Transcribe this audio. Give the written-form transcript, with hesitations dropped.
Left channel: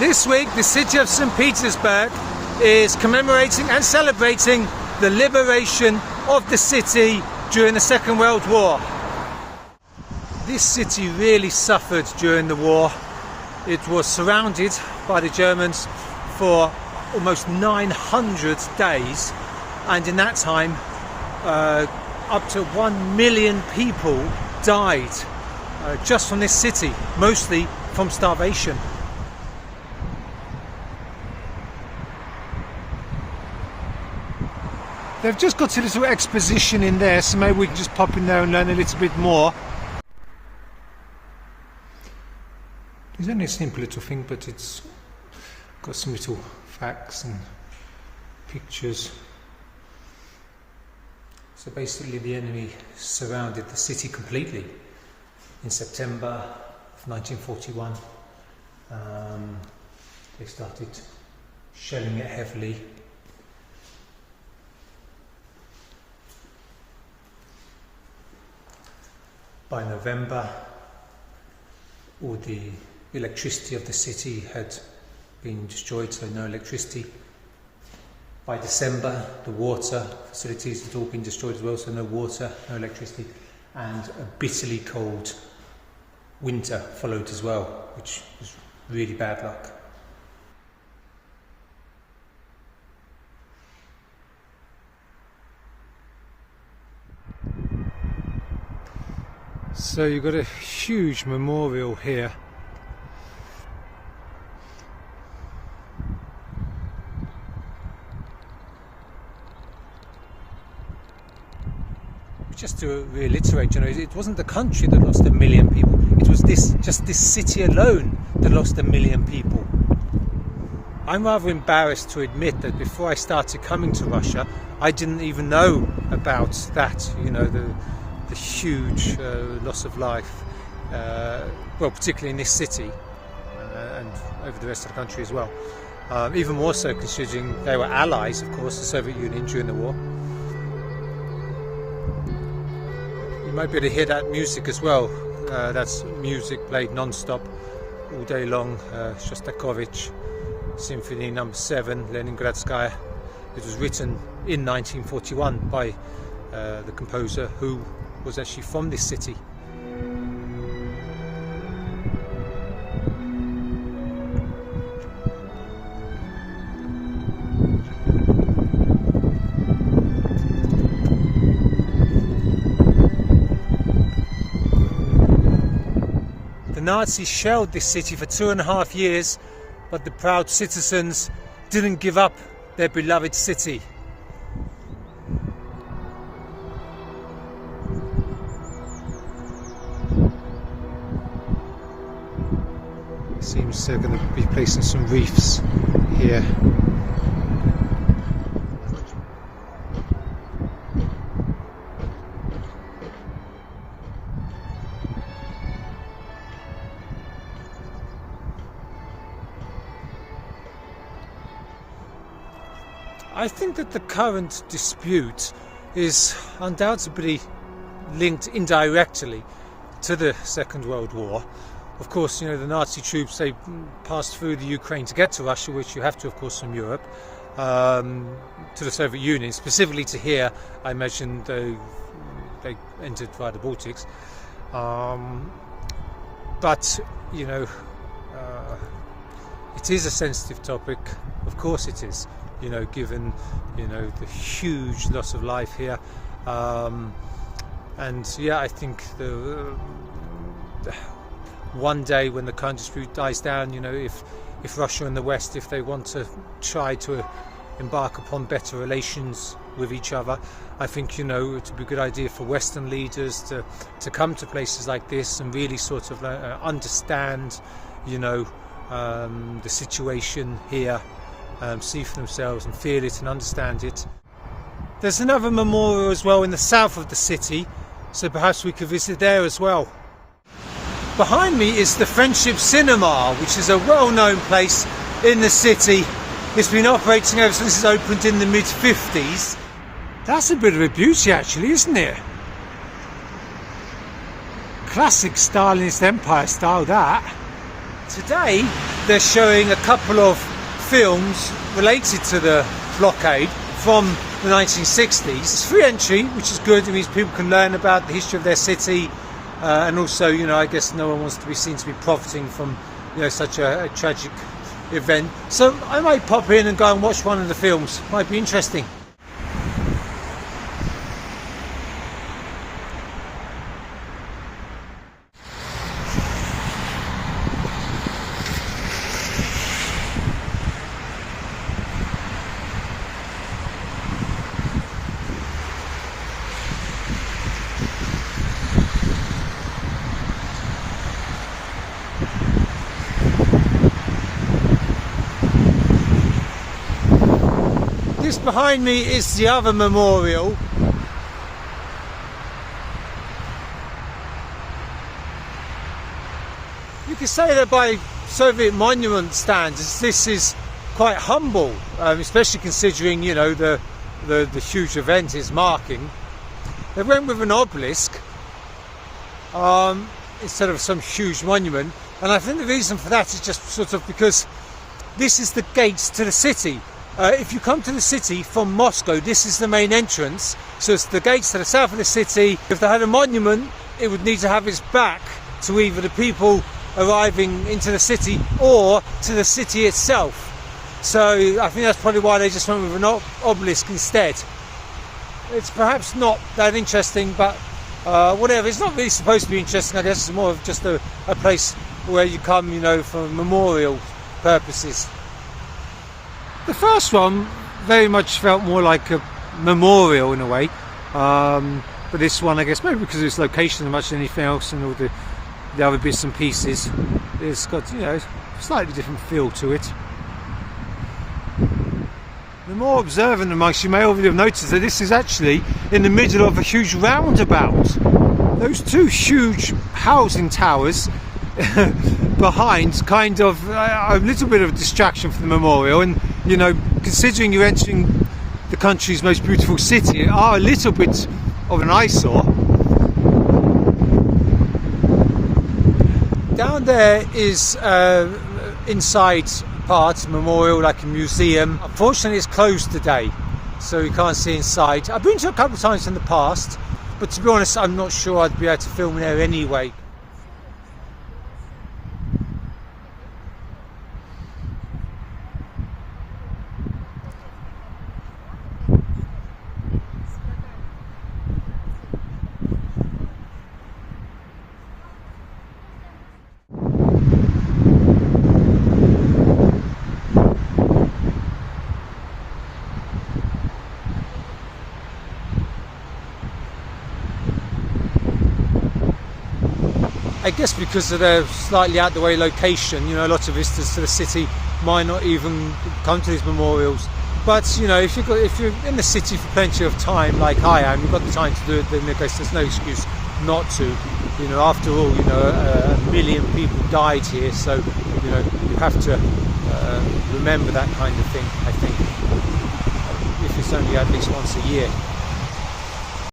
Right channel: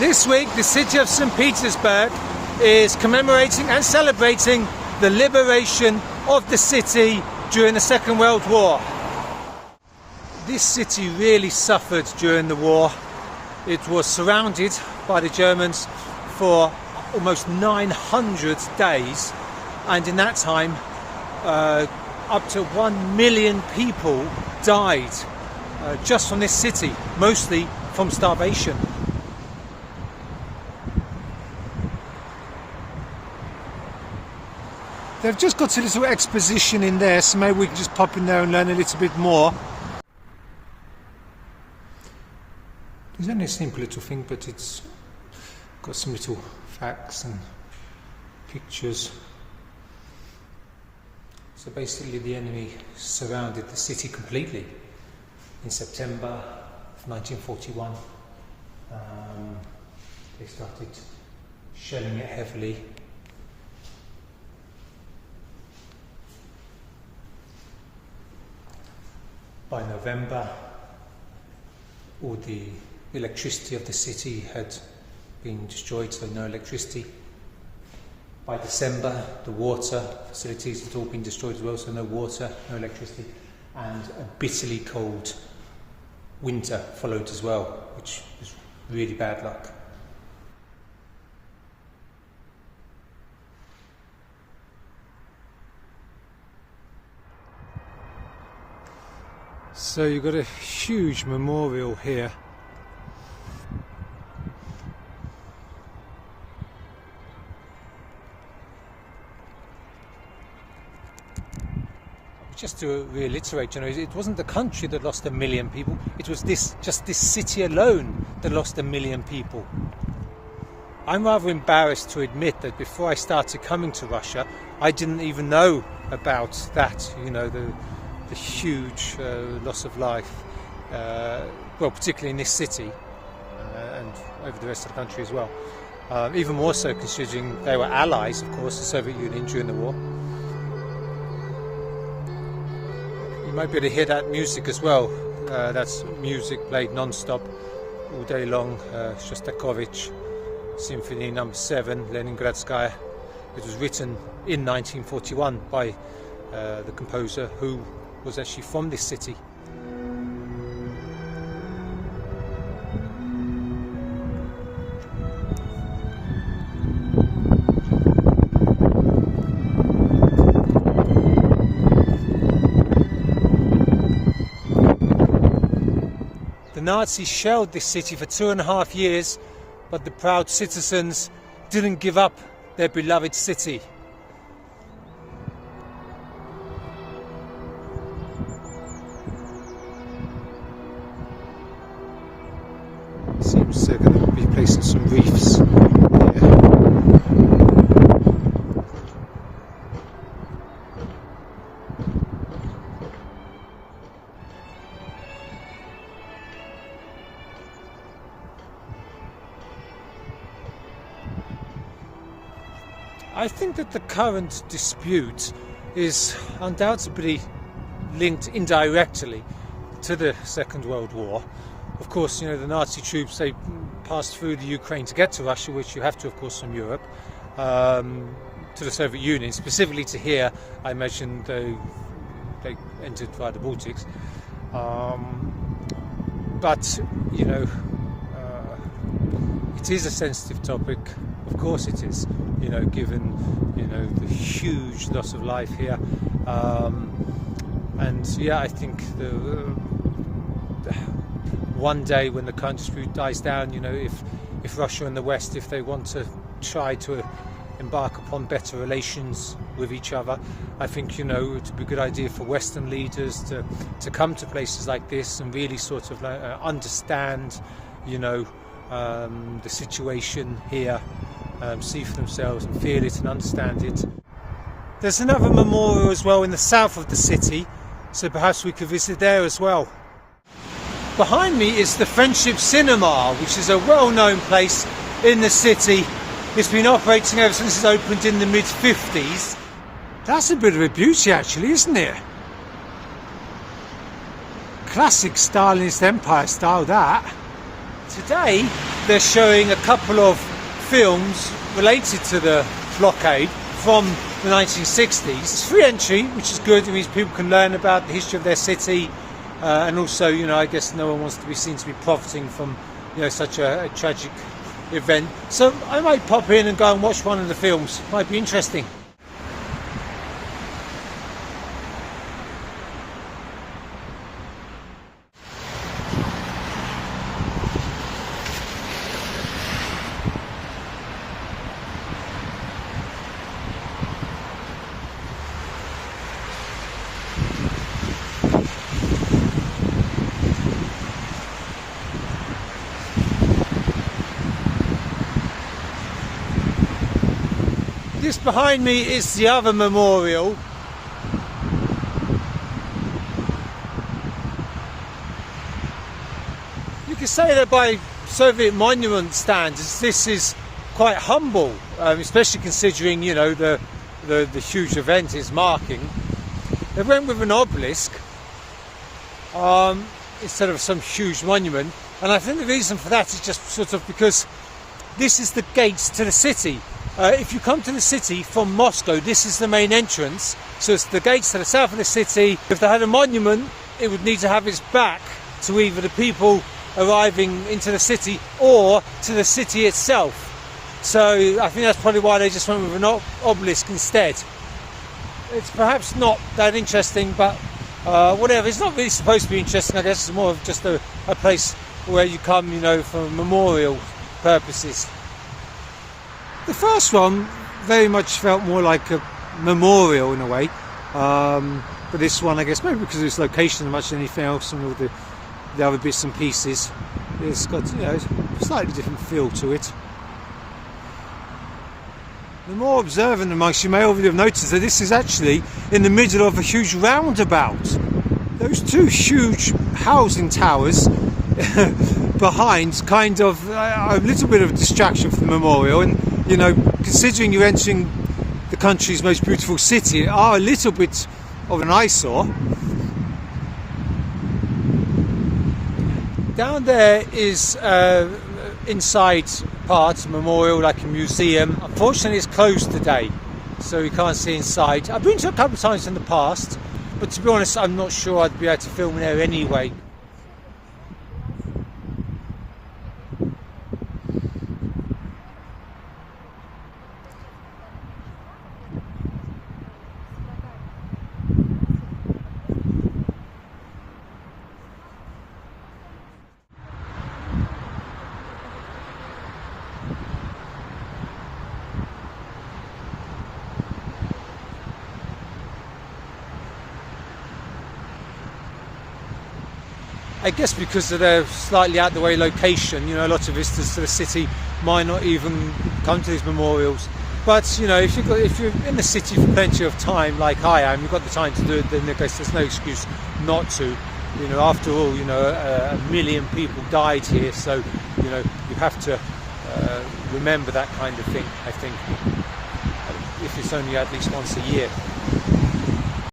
This week, the city of St. Petersburg is commemorating and celebrating the liberation of the city during the Second World War. This city really suffered during the war. It was surrounded by the Germans for almost 900 days, and in that time up to 1 million people died just from this city, mostly from starvation. They've just got a little exposition in there, so maybe we can just pop in there and learn a little bit more. It's only a simple little thing, but it's got some little facts and pictures. So basically the enemy surrounded the city completely in September of 1941. They started shelling it heavily. By November, all the electricity of the city had been destroyed, so no electricity. By December, the water facilities had all been destroyed as well, so no water, no electricity, and a bitterly cold winter followed as well, which was really bad luck. So you've got a huge memorial here. Just to reiterate, it wasn't the country that lost 1 million people, it was just this city alone that lost 1 million people. I'm rather embarrassed to admit that before I started coming to Russia, I didn't even know about that, the huge loss of life, well, particularly in this city and over the rest of the country as well. Even more so considering they were allies, of course, the Soviet Union during the war. You might be able to hear that music as well. That's music played non-stop all day long. Shostakovich Symphony No. 7, Leningrad Symphony. It was written in 1941 by the composer, who was actually from this city. The Nazis shelled this city for 2.5 years, but the proud citizens didn't give up their beloved city. Seems they're going to be placing some reefs here. I think that the current dispute is undoubtedly linked indirectly to the Second World War. Of course, the Nazi troops, they passed through the Ukraine to get to Russia, which you have to, of course, from Europe, to the Soviet Union, specifically to here. I imagine they entered via the Baltics. But, it is a sensitive topic. Of course it is, given, the huge loss of life here. And yeah, I think one day when the current dispute dies down, if Russia and the West, if they want to try to embark upon better relations with each other, I think, it would be a good idea for Western leaders to come to places like this and really sort of understand, the situation here, see for themselves and feel it and understand it. There's another memorial as well in the south of the city, so perhaps we could visit there as well. Behind me is the Friendship Cinema, which is a well-known place in the city. It's been operating ever since it opened in the mid-50s. That's a bit of a beauty actually, isn't it? Classic Stalinist Empire style, that. Today they're showing a couple of films related to the blockade from the 1960s. It's free entry, which is good. It means people can learn about the history of their city, and also, you know, I guess no one wants to be seen to be profiting from, you know, such a tragic event. So I might pop in and go and watch one of the films. Might be interesting. This behind me is the other memorial. You could say that by Soviet monument standards, this is quite humble, especially considering, you know, the huge event it's marking. They went with an obelisk instead of some huge monument, and I think the reason for that is just sort of because this is the gates to the city. If you come to the city from Moscow, this is the main entrance, so it's the gates to the south of the city. If they had a monument, it would need to have its back to either the people arriving into the city or to the city itself. So I think that's probably why they just went with an obelisk instead. It's perhaps not that interesting, but whatever. It's not really supposed to be interesting. I guess it's more of just a place where you come, you know, for memorial purposes. The first one very much felt more like a memorial in a way, but this one, I guess, maybe because of its location as much as anything else and all the other bits and pieces, it's got, you know, a slightly different feel to it. The more observant amongst you may already have noticed that this is actually in the middle of a huge roundabout. Those two huge housing towers behind kind of a little bit of a distraction from the memorial, and, you know, considering you're entering the country's most beautiful city, are a little bit of an eyesore. Down there is inside part memorial, like a museum. Unfortunately, it's closed today, so you can't see inside. I've been to it a couple of times in the past, but to be honest, I'm not sure I'd be able to film in there anyway. I guess because of their slightly out the way location, you know, a lot of visitors to the city might not even come to these memorials. But, you know, if you're in the city for plenty of time, like I am, you've got the time to do it, then I guess there's no excuse not to. You know, after all, you know, a million people died here, so, you know, you have to remember that kind of thing, I think, if it's only at least once a year.